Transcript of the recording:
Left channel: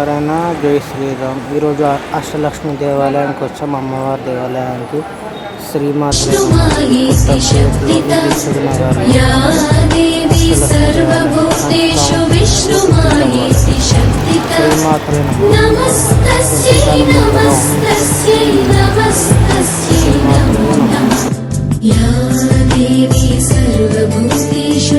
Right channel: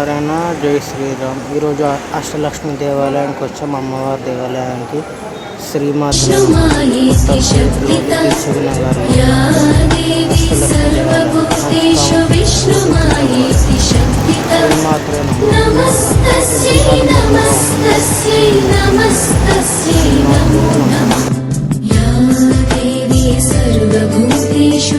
శ్రీమన్నారాయణ, జై శ్రీరామ్. ఈరోజు అష్టలక్ష్మి దేవాలయానికి వచ్చాం, అమ్మవారి దేవాలయానికి. శ్రీమాత్రే కొత్తపేటలో దిల్సుఖ్ నగర్లో అష్టలక్ష్మి దేవాలయం శ్రీమాత్రే ఎంతకాలం పెద్దగా ఉంది. శ్రీమాత్రే सर्वभूतेषु